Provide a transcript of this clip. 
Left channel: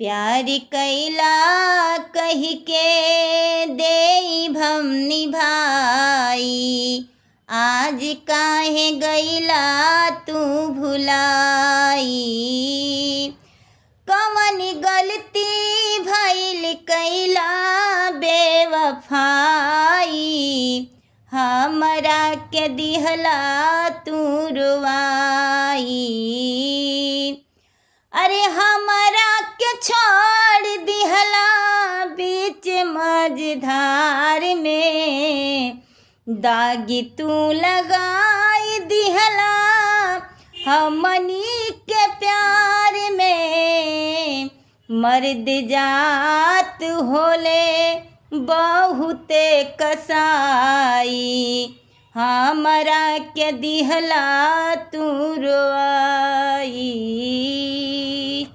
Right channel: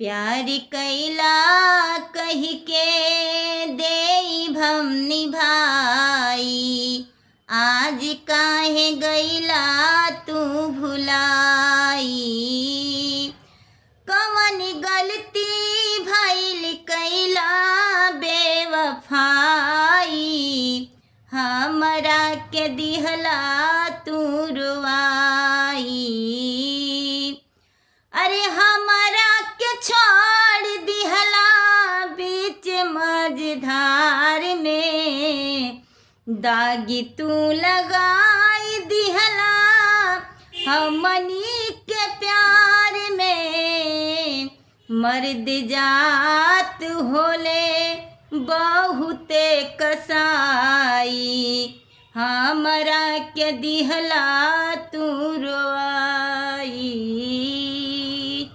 प्यार कैला कही के देई हम निभाई, आज काहे गैला तू भुलाई। कवन गलती भइल कैला बेवफाई, हमरा के दिहला तू रुवाई। अरे हमरा के छोड़ दिहला बीच मझधार में, दागी तू लगाई दिहला हमनी के प्यार में। मर्द जात होले बहुते कसाई, हमरा के दिहला तू रोआई।